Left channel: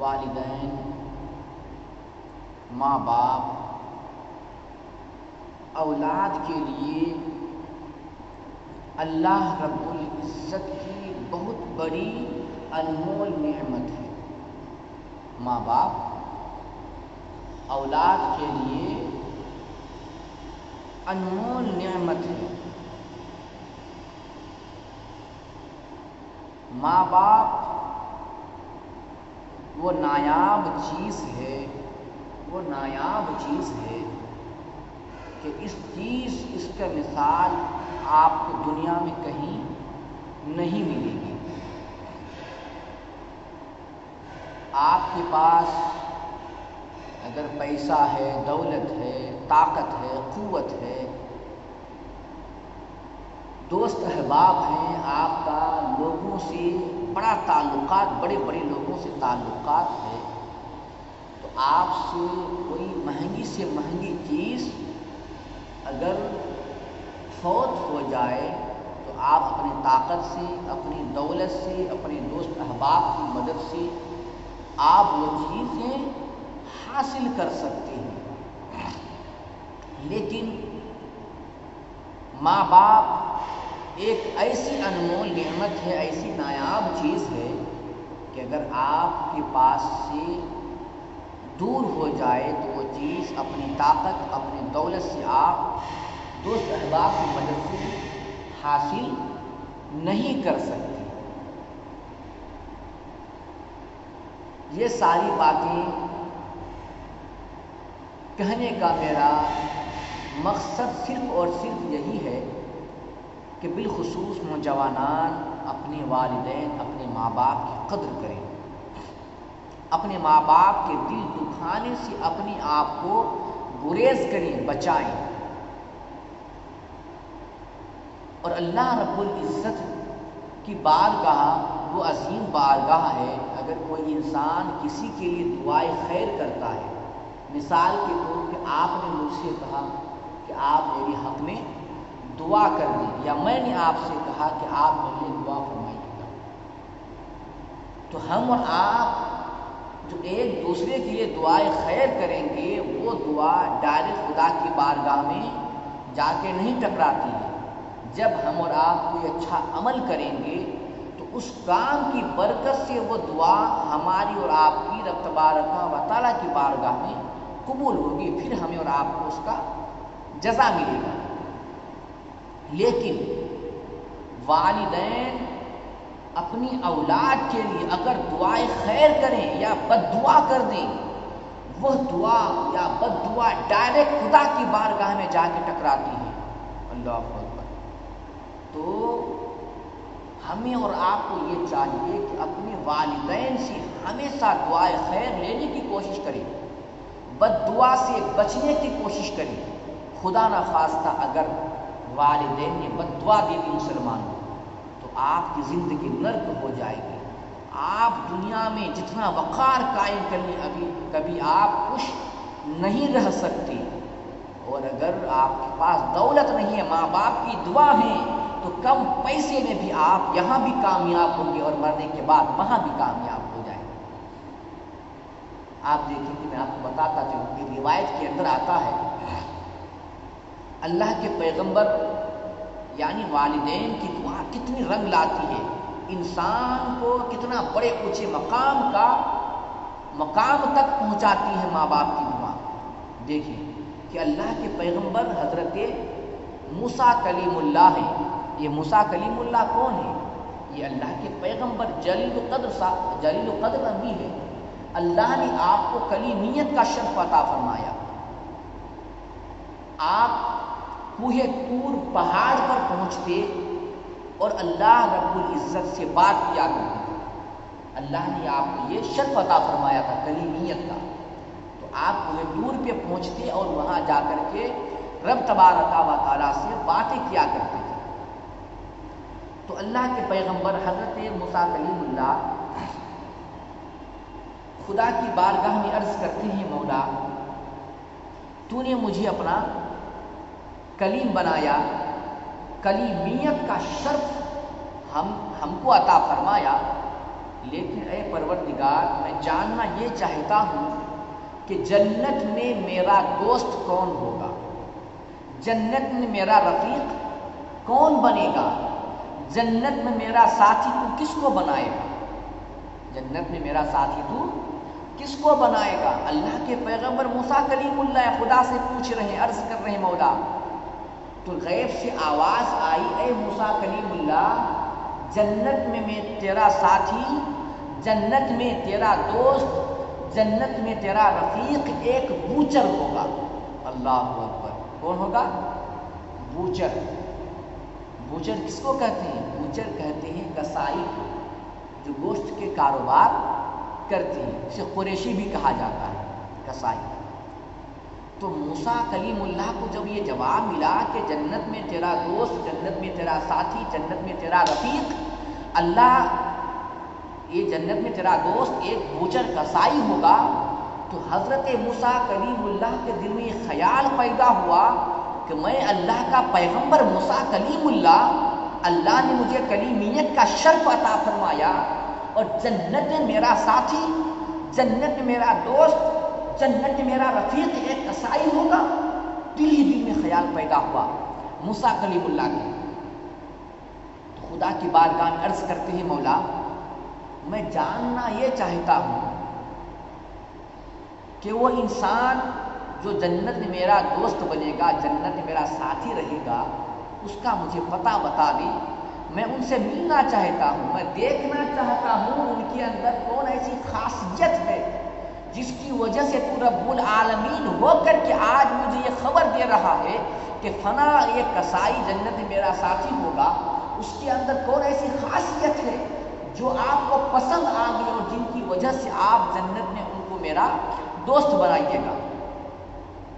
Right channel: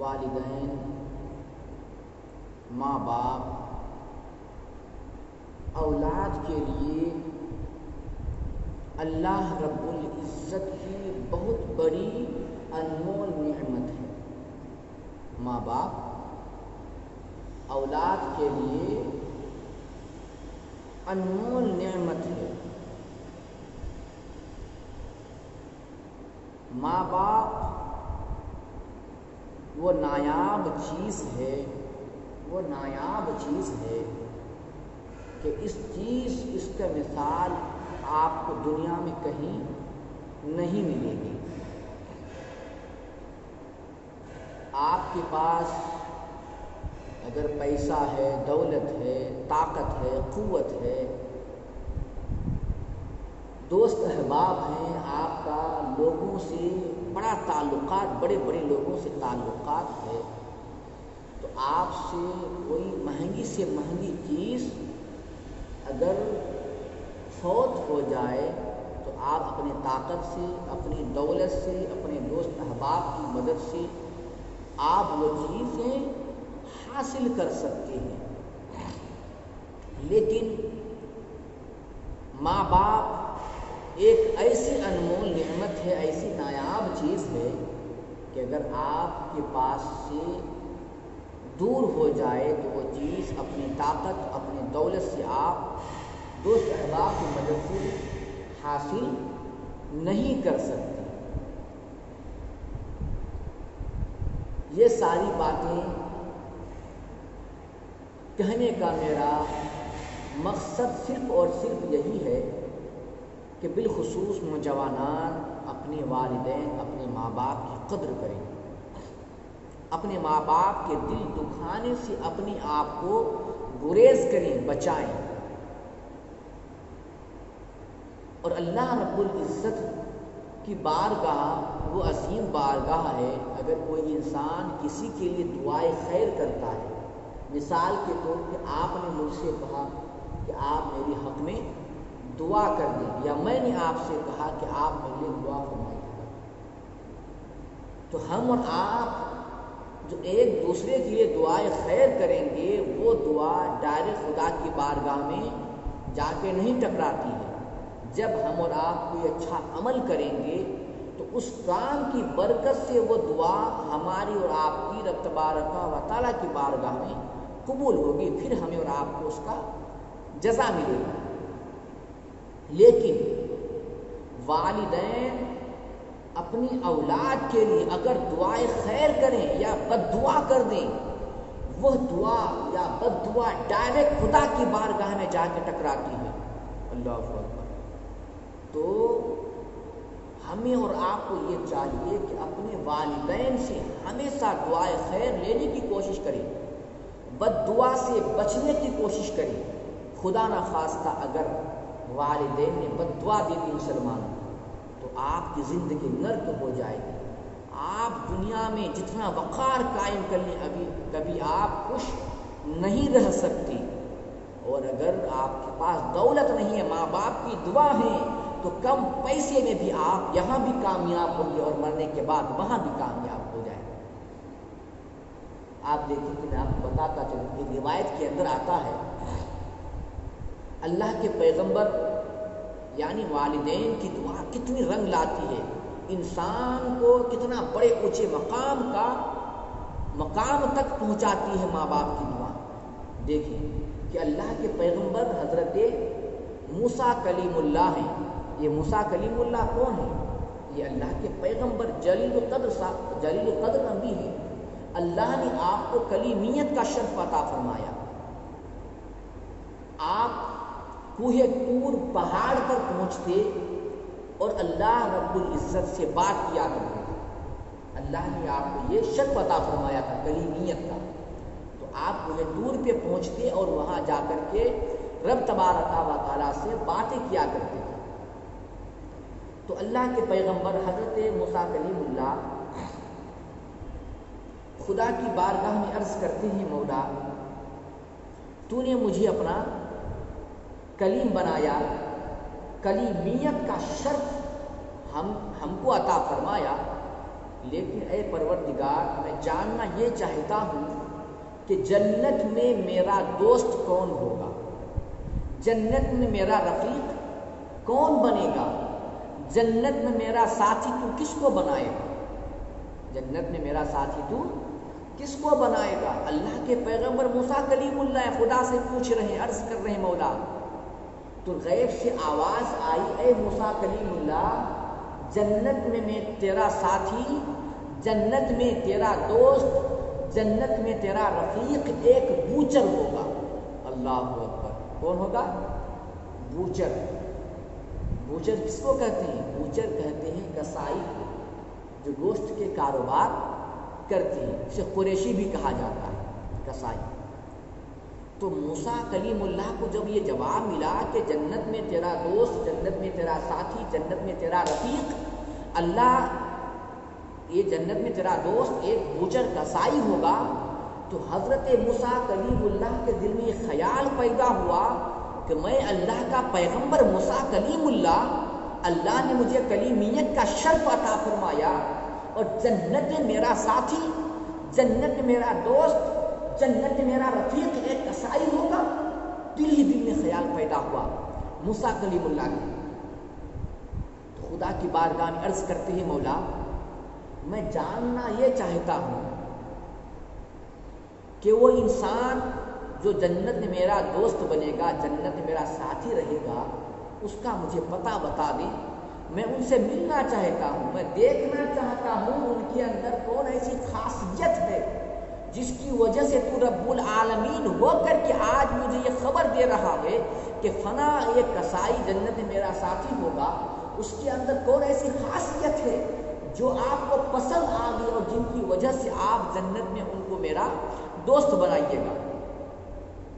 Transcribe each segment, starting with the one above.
والدین، ماں باپ اولاد کے لیے اللہ رب العزت کی بہت بڑی انمول نعمت ہے۔ ماں باپ اولاد کے لیے انمول نعمت ہے۔ ماں باپ وہ نایاب چیز ہے کہ اس کا مثال آپ کو دنیا میں کہیں نہیں ملے گی۔ آپ کے پاس اگر پیسہ ہے، دولت ہے، طاقت ہے، قوت ہے، دوست احباب ہیں، آپ کا لوگوں سے بڑا تعلقات، بڑے بڑے لوگوں سے تعلقات ہے، تو آپ سے کوئی مہنگی سے مہنگی چیز اگر فوت ہو جائے تو آپ اپنی طاقت سے، اپنی دولت سے، اپنے دوست احباب کی مدد سے آپ وہ چیزیں حاصل کر سکتے ہیں۔ لیکن ماں باپ ایک ایسی انمول نعمت ہے، ایسی نایاب چیز ہے کہ اگر آپ کے پاس سے دور ہو جائے تو وہ چیز اپنی طاقت، اپنی دولت سے آپ دوست احباب کی مدد سے حاصل نہیں کر سکتے۔ یہ ساری باتیں کہنے کا میرا مقصد صرف اور صرف یہی ہے کہ بالخصوص نوجوانان اپنے والدین، اپنے ماں باپ کی قدر کریں، اپنے ماں باپ کے دل دکھانے سے اپنے آپ کو گریز کریں، بچائیں۔ اور اللہ رب العزت کی بارگاہ وہ عظیم بارگاہ ہے، اگر کوئی انسان کسی کے لیے دعائے خیر کرتا ہے، مثال کے طور پہ آپ نے مجھ سے کہا کہ آپ میرے حق میں دعا کر دیں، یا میں نے آپ سے کہا کہ آپ میرے لیے دعا فرمائیے گا، تو ہم اور آپ جو ایک دوسرے کے لیے دعائے خیر کریں گے، وہ دعا ڈائریکٹ خدا کی بارگاہ میں جا کے نہیں ٹکراتی ہے۔ جب ہم اور آپ کوئی اچھا عمل کریں گے تو اس کام کی برکت سے وہ دعا ہماری اور آپ کی رب تبارک و تعالیٰ کی بارگاہ میں قبول ہوگی، پھر ہمیں اور آپ کو اس کا جزا ملے گا۔ لیکن والدین اپنی اولاد کے لیے اگر دعائے خیر کریں یا بد دعا کر دیں، وہ دعا یا بد دعا ڈائریکٹ خدا کی بارگاہ میں جا کے ٹکراتی ہے۔ اللہ اکبر۔ تو ہمیں اور آپ کو یہ چاہیے کہ اپنے والدین سے ہمیشہ دعائے خیر لینے کی کوشش کریں، بد دعا سے بچنے کی کوشش کریں۔ خدا نخواستہ اگر والدین نے بد دعا دے دی مسلمان تو آپ کی زندگی نرک ہو جائے گی۔ آپ دنیا میں جتنا وقار قائم کرنے کبھی آپ خوش نہیں رہ سکتے، اور اگر آپ کے پاس دولت نہیں ہے، ماں باپ کی دعا ہے، تو کم پیسے میں بھی آپ یہاں بھی کامیاب ہوں گے اور مرنے کے بعد وہاں بھی کامیاب ہو جائیں گے۔ آپ دیکھیں کہ میں آپ کو بتاتا چلوں، ایک روایت کے اندر آتا ہے اللہ کے پیغمبر یعنی والدین کی دعا کتنی رنگ لاتی ہے، انسان کو کتنا بڑے اونچے مقام تک پہنچاتی ہے ماں باپ کی دعا۔ دیکھیں کہ اللہ کے پیغمبر حضرت موسیٰ کلیم اللہ ہیں۔ یہ موسیٰ کلیم اللہ کون ہے؟ یہ اللہ کے پیغمبر جلیل القدر نبی ہے۔ اللہ نے آپ کو کلیمیت کا شرف عطا فرمایا۔ آپ کوہ طور پہاڑ پر پہنچتے اور اللہ رب العزت سے بات کیا کرتے تھے۔ اللہ نے آپ کو یہ شرف عطا فرمایا تھا کلیمیت کا، تو آپ کوہ طور پہ پہنچتے اور وہاں جا کر کے رب تبارک و تعالیٰ سے باتیں کیا کرتے تھے۔ تو اللہ کے پیغمبر حضرت موسیٰ کلیم اللہ خدا کی بارگاہ میں عرض کرتے ہیں، مولا تو نے مجھے اپنا کلیم بنایا، کلیمیت کا شرف ہم کو عطا فرمایا، لیکن اے پروردگار میں جاننا یہ چاہتا ہوں کہ جنت میں میرا دوست کون ہوگا، جنت میں میرا رفیق کون بنے گا، جنت میں میرا ساتھی تو کس کو بنائے گا، جنت میں میرا ساتھی تو کس کو بنائے گا۔ اللہ کے پیغمبر موسیٰ کلیم اللہ خدا سے پوچھ رہے ہیں، عرض کر رہے ہیں مولا، تو غیب سے آواز آئی، اے موسیٰ کلیم اللہ، جنت میں تیرا ساتھی، جنت میں تیرا دوست، جنت میں تیرا رفیق ایک بوچر ہوگا۔ اللہ اکبر، کون ہوگا؟ بوچر۔ بوچر کس کو کہتے ہیں؟ بوچر کہتے ہیں کسائی کو، جو گوشت کے کاروبار کرتی ہے، اسے قریشی بھی کہا جاتا ہے، کسائی۔ تو موسیٰ کلیم اللہ کو جب یہ جواب ملا کہ جنت میں تیرا دوست، جنت میں تیرا ساتھی، جنت میں تیرا رفیق اللہ، یہ جنت میں تیرا دوست ایک بوچر کسائی ہوگا، تو حضرت موسیٰ کلیم اللہ کے دل میں یہ خیال پیدا ہوا کہ میں اللہ کا پیغمبر موسیٰ کلیم اللہ نے مجھے کلیمیت کا شرف عطا فرمایا، اور جنت میں میرا ساتھی، جنت میں میرا دوست، جنت میں میرا رفیق ایک کسائی ہوگا۔ دل ہی دل میں خیال پیدا ہوا موسیٰ کلیم اللہ کے۔ تو خدا کی بارگاہ میں عرض کرتے ہیں، مولا میں جاننا یہ چاہتا ہوں کہ وہ انسان جو جنت میں میرا دوست بنے گا، جنت میں میرا ساتھی رہے گا، اس کا مجھے پتہ بتا دیں، میں ان سے ملنا چاہتا ہوں، میں دیکھنا چاہتا ہوں ان کے اندر کون ایسی خاصیت ہے جس کی وجہ سے تو رب العالمین ہو کر کے آج مجھے یہ خبر دے رہا ہے کہ فنا ایک کسائی جنت میں میرا ساتھی ہوگا، اس کے اندر کون ایسی خاصیت ہے جو آپ کو پسند آ گئی اور جن کی وجہ سے آپ جنت میں ان کو میرا دوست بنائیے گا۔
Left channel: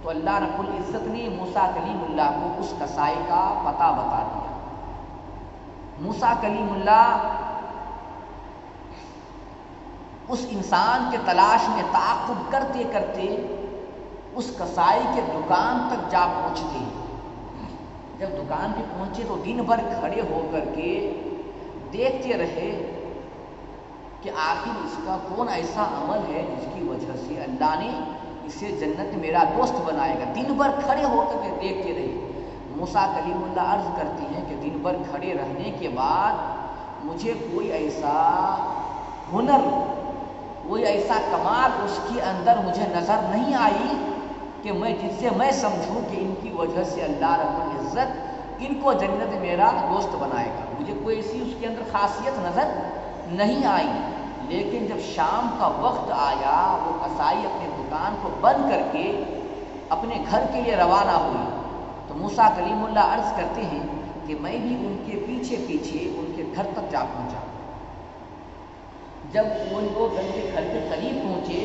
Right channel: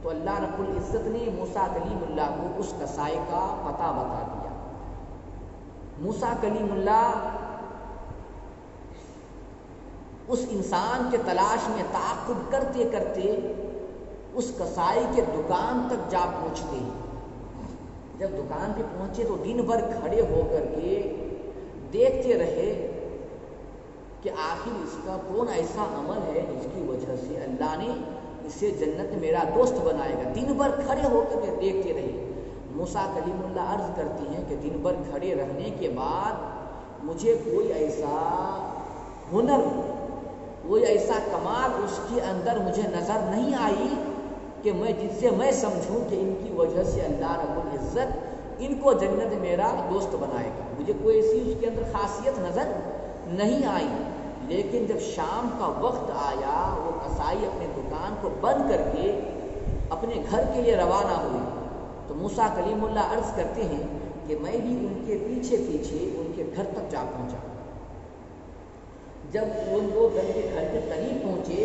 تو اللہ رب العزت نے موسیٰ کلیم اللہ کو اس کسائی کا پتہ بتا دیا۔ موسیٰ کلیم اللہ اس انسان کے تلاش میں تعاقب کرتے کرتے اس کسائی کے دکان تک جا پہنچتے ہیں۔ جب دکان پہ پہنچے تو دن بھر کھڑے ہو کر کے دیکھتے رہے کہ آخر اس کا کون ایسا عمل ہے جس کی وجہ سے اللہ نے اسے جنت میں میرا دوست بنائے گا۔ دن بھر کھڑے ہو کر کے دیکھتے رہے۔ موسیٰ کلیم اللہ عرض کرتی ہیں کہ دن بھر کھڑے رہنے کے بعد مجھے کوئی ایسا ہنر، کوئی ایسا کمال اس کے اندر مجھے نظر نہیں آئی کہ جس سے میں سمجھوں کہ ان کی وجہ سے اللہ رب العزت ان کو جنت میں میرا دوست بنائے گا۔ مجھے کوئی ایسی اس کے اندر خاصیت نظر نہیں آئی۔ لیکن جب شام کا وقت آیا، وہ کسائی اپنے دکان کو بند کر کے اپنے گھر کے لیے روانہ ہوئی، تو موسیٰ کلیم اللہ عرض کرتے ہیں کہ میں بھی ان کے پیچھے پیچھے ان کے گھر تک جا پہنچا۔ جب وہ لوگ ان کے گھر کے قریب پہنچے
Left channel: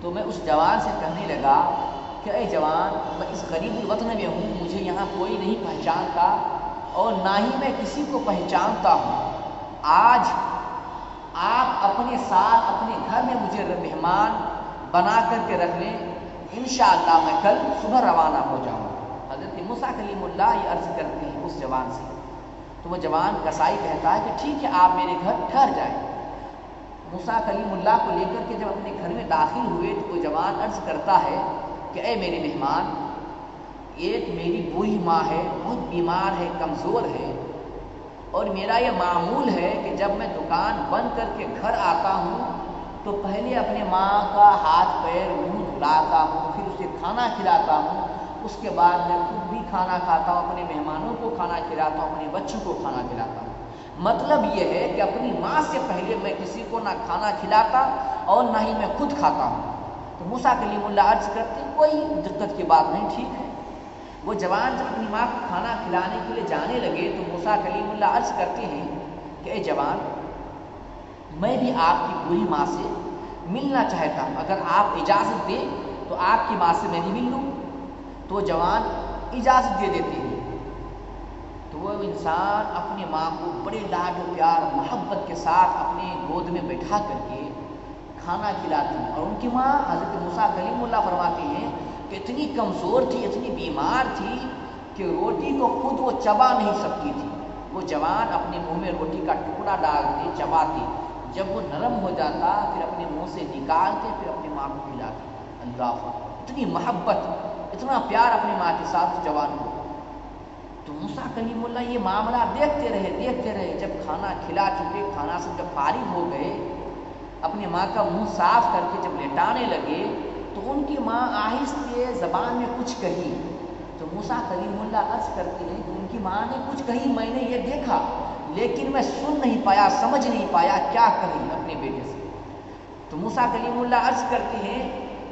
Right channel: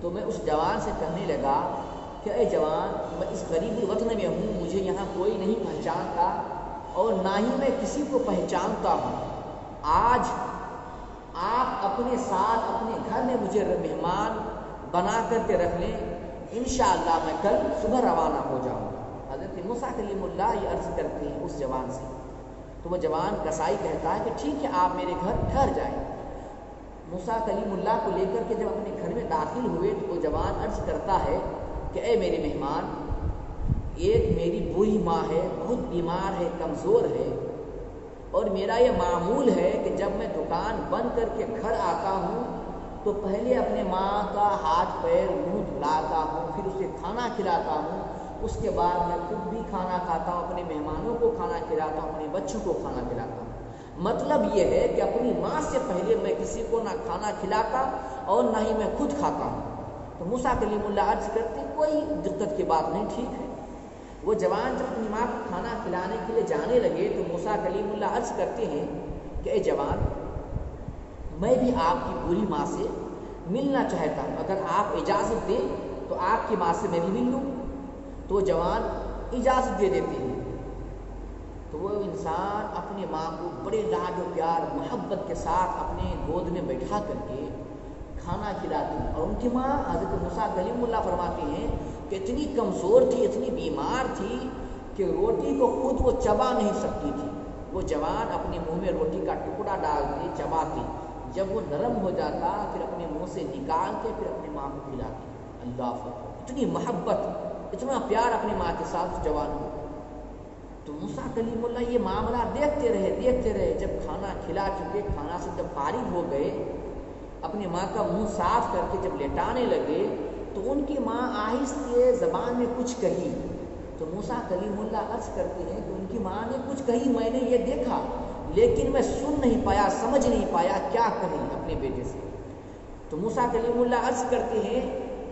تو میں اس جوان سے کہنے لگا کہ اے جوان، میں اس غریب الوطن میں ہوں، مجھے یہاں کوئی نہیں پہچانتا اور نہ ہی میں کسی کو پہچانتا ہوں۔ آج آپ اپنے ساتھ اپنے گھر میں مجھے مہمان بنا کر کے رکھ لیں، انشاءاللہ میں کل صبح روانہ ہو جاؤں گا۔ حضرت موسیٰ کلیم اللہ یہ عرض کرتے ہیں اس جوان سے، تو وہ جوان کسائی کہتا ہے کہ ٹھیک ہے، آپ میرے گھر ٹھہر جائیں۔ موسیٰ کلیم اللہ کو لے کر کے جب اپنے گھر میں داخل ہوئے تو وہ جوان عرض کرتا ہے کہ اے میرے مہمان، ایک میری بوڑھی ماں ہے، بہت بیمار ہے، کمزور ہے، اور میرا یہ معمول ہے کہ جب میں دکان بند کر کے گھر آتا ہوں تو پہلے اپنے ماں کا ہاتھ پیر منہ دھلاتا ہوں، پھر اسے کھانا کھلاتا ہوں، اس کے بعد میں خود بھی کھانا کھاتا ہوں، اپنے مہمانوں کو کھانا کھلاتا ہوں، اپنے بچوں کو کھانا کھلاتا ہوں۔ مطلب یہ ہے کہ اپنی ماں سے پہلے میں کسی کو نہ کھانا کھلاتا اور نہ ہی میں خود کھاتا ہوں۔ تو موسیٰ کلیم اللہ عرض کرتے ہیں کوئی دقت کی بات نہیں، ٹھیک ہے۔ وہ جوان جب اپنی ماں کو کھانا کھلانے کے لیے جانے لگے تو موسیٰ کلیم اللہ عرض کرتے ہیں کہ اے جوان، میں بھی آپ کی بوڑھی ماں سے ملنا چاہتا ہوں، اگر آپ اجازت دیں تو آپ کی ماں سے میں بھی مل لوں۔ تو وہ جوان اجازت دے دیتے ہیں۔ تو وہ انسان اپنی ماں کو بڑے لاڈ و پیار محبت کے ساتھ اپنے گود میں بٹھا کر کے کھانا کھلاتے ہیں، اور ان کی ماں حضرت موسیٰ کلیم اللہ فرماتے ہیں کہ اتنی کمزور تھی، اتنی بیمار تھی کہ روٹی کو خود وہ چبا نہیں سکتی تھی۔ وہ جوان اپنے منہ میں روٹی کا ٹکڑا ڈال کے چباتی، جب وہ نرم ہو جاتا پھر اپنے منہ سے نکال کے پھر اپنی ماں کو کھلاتی. اللہ اکبر، اتنی محبت، اتنا پیار اپنی ماں کے ساتھ جوان کو. تو موسیٰ کلیم اللہ یہ معاملہ دیکھتے رہے. جب کھانا کھلا چکے، کھانا سے جب فارغ ہو گئے، اپنی ماں کا منہ صاف کر کے جب لٹانے لگے تو ان کی ماں آہستہ زبان میں کچھ کہی. تو موسیٰ کلیم اللہ عرض کرتے ہیں کہ ان کی ماں نے کچھ کہی، میں نے یہ دیکھا لیکن میں سن نہیں پایا، سمجھ نہیں پایا کیا کہی اپنے بیٹے سے. تو موسیٰ کلیم اللہ عرض کرتے ہیں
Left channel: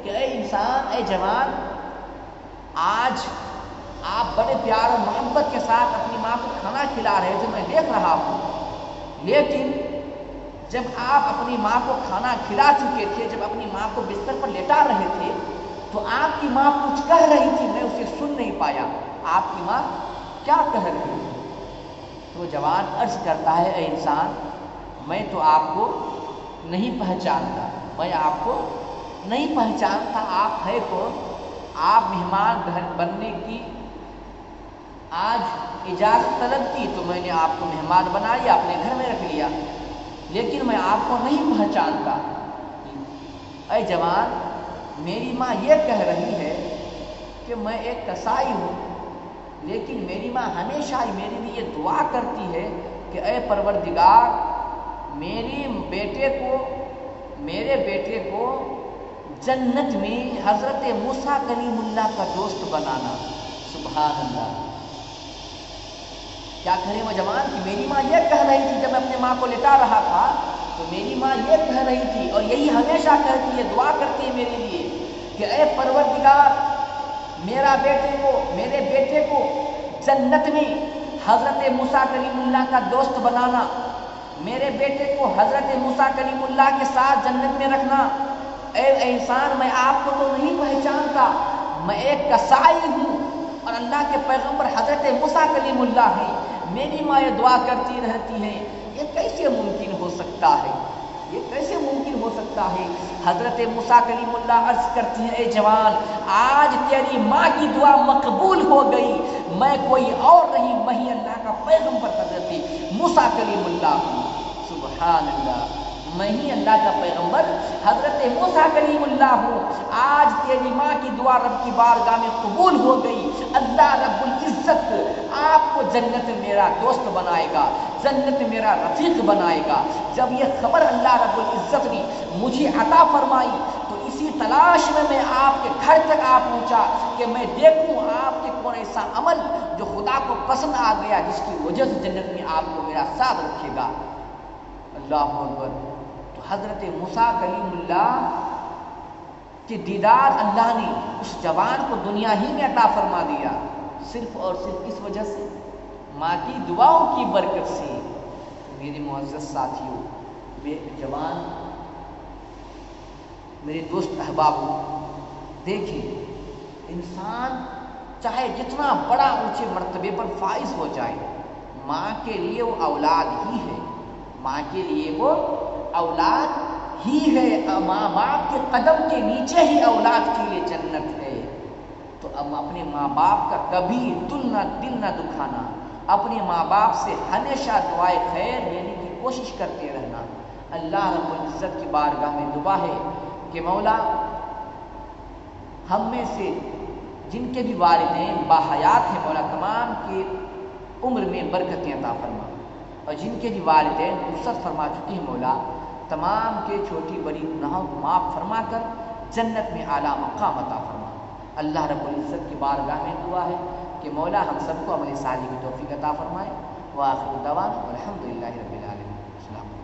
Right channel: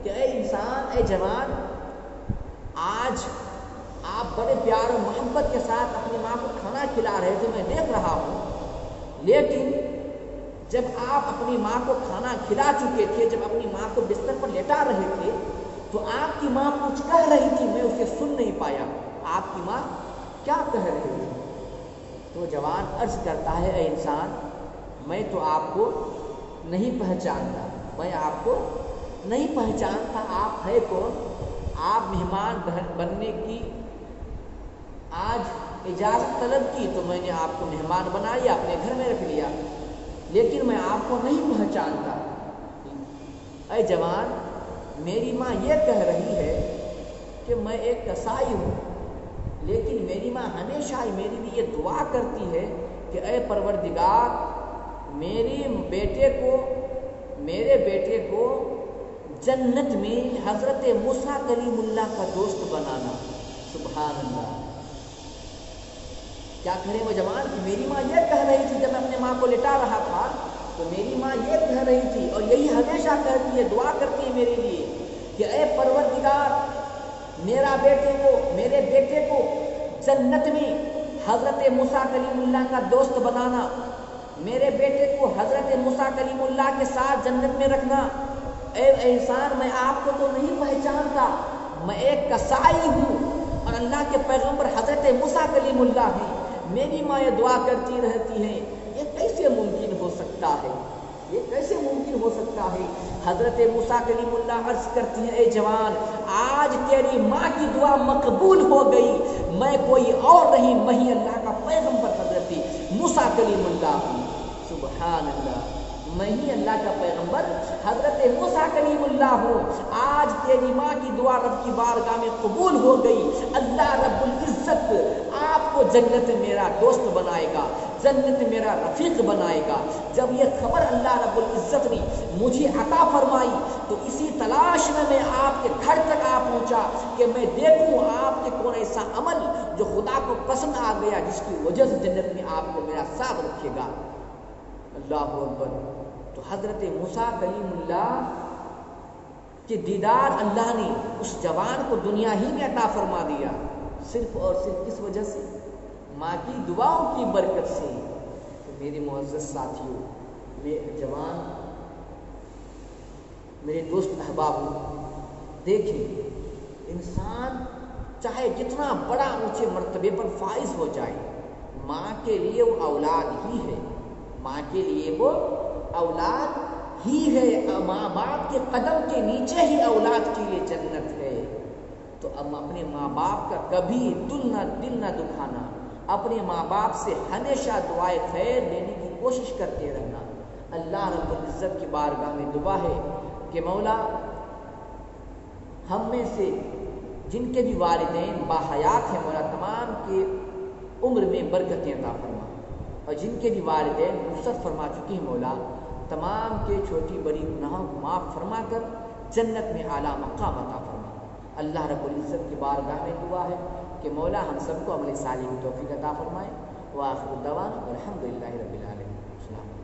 کہ اے انسان، اے جوان، آج آپ بڑے پیار اور محبت کے ساتھ اپنی ماں کو کھانا کھلا رہے تھے، میں دیکھ رہا ہوں، لیکن جب آپ اپنی ماں کو کھانا کھلا چکے تھے، جب اپنی ماں کو بستر پر لٹا رہے تھے تو آپ کی ماں کچھ کہہ رہی تھی، میں اسے سن نہیں پایا. آپ کی ماں کیا کہہ رہی تھی؟ تو جوان عرض کرتا ہے اے انسان، میں تو آپ کو نہیں پہچانتا، میں آپ کو نہیں پہچانتا، آپ ہے کون؟ آپ مہمان بننے کی آج اجازت طلب کی تو میں نے آپ کو مہمان بنا لیا، اپنے گھر میں رکھ لیا، لیکن میں آپ کو نہیں پہچانتا. اے جوان، میری ماں یہ کہہ رہی ہے کہ میں ایک کسائی ہوں، لیکن میری ماں ہمیشہ ہی میرے لیے دعا کرتی ہے کہ اے پروردگار، میرے بیٹے کو جنت میں حضرت موسیٰ کلیم اللہ کا دوست بنانا. سبحان اللہ، کیا کرے وہ جوان کہ میری ماں یہ کہہ رہی تھی، جب میں اپنے ماں کو لٹا رہا تھا تو میری ماں یہ کہہ رہی تھی اور یہی ہمیشہ کہتی ہے، دعا کرتی ہے میرے لیے کہ اے پروردگار، میرے بیٹے کو جنت میں حضرت موسیٰ کلیم اللہ کا دوست بنانا، میرے بیٹے کو حضرت موسیٰ کلیم اللہ کے ساتھ جنت میں رکھنا. اے انسان، میں آپ کو تو نہیں پہچانتا، میں ایک کسائی ہوں اور اللہ کے پیغمبر حضرت موسیٰ کلیم اللہ ہیں. میری ماں یہ دعا کرتی رہتی ہے، یہ کیسے ممکن ہو سکتا ہے؟ یہ کیسے ممکن ہو سکتا ہے؟ حضرت موسیٰ کلیم اللہ عرض کرتی ہیں اے جوان، آج تیری ماں کی دعا مقبول ہو گئی، میں کوئی اور نہیں، میں ہی اللہ کا پیغمبر حضرت موسیٰ کلیم اللہ ہوں. سبحان اللہ، میں ہی اللہ کا پیغمبر حضرت موسیٰ کلیم اللہ ہوں. آج تیری ماں کی دعا رب کی بارگاہ میں قبول ہو گئی. اللہ رب العزت آپ کو جنت میں میرا دوست بنائے گا، جنت میں میرا رفیق بنائے گا. جب یہ خبر اللہ رب العزت نے مجھے عطا فرمائی تو اسی تلاش میں آپ کے گھر تک آ پہنچا کہ میں دیکھوں آپ کے کون ایسا عمل جو خدا کو پسند آ گیا، جس کی وجہ سے جنت میں آپ کو میرا ساتھ رکھے گا. اللہ اکبر. تو حضرت موسیٰ کلیم اللہ کے دیدار اللہ نے اس جوان کو دنیا ہی میں عطا فرما دیا، صرف اور صرف کس وجہ سے؟ ماں کی دعاؤں کی برکت سے. تو میرے معزز ساتھیوں، جوان، میرے دوست احباب، دیکھیں، انسان چاہے جتنا بڑا اونچے مرتبے پر فائز ہو جائے، ماں کے لیے وہ اولاد ہی ہے، ماں کے لیے وہ اولاد ہی ہے. ماں باپ کے قدم کے نیچے ہی اولاد کے لیے جنت ہے. تو اب اپنے ماں باپ کا کبھی دل نہ دکھانا، اپنے ماں باپ سے ہمیشہ دعائے خیر لینے کی کوشش کرتے رہنا. اللہ رب العزت کی بارگاہ میں دعا ہے کہ مولا، ہم میں سے جن کے بھی والدین باحیات ہیں، مولا تمام کے عمر میں برکتیں عطا فرما، اور جن کے بھی والدین رخصت فرما چکے ہیں، مولا تمام کے چھوٹی بڑی گناہوں کو معاف فرما کر جنت میں اعلیٰ مقام عطا فرما. اللہ رب العزت کی بارگاہ میں دعا ہے کہ مولا ہم سب کو عمل صالح کی توفیق عطا فرمائے. وآخر دعوانا الحمدللہ رب العالمین. السلام علیکم.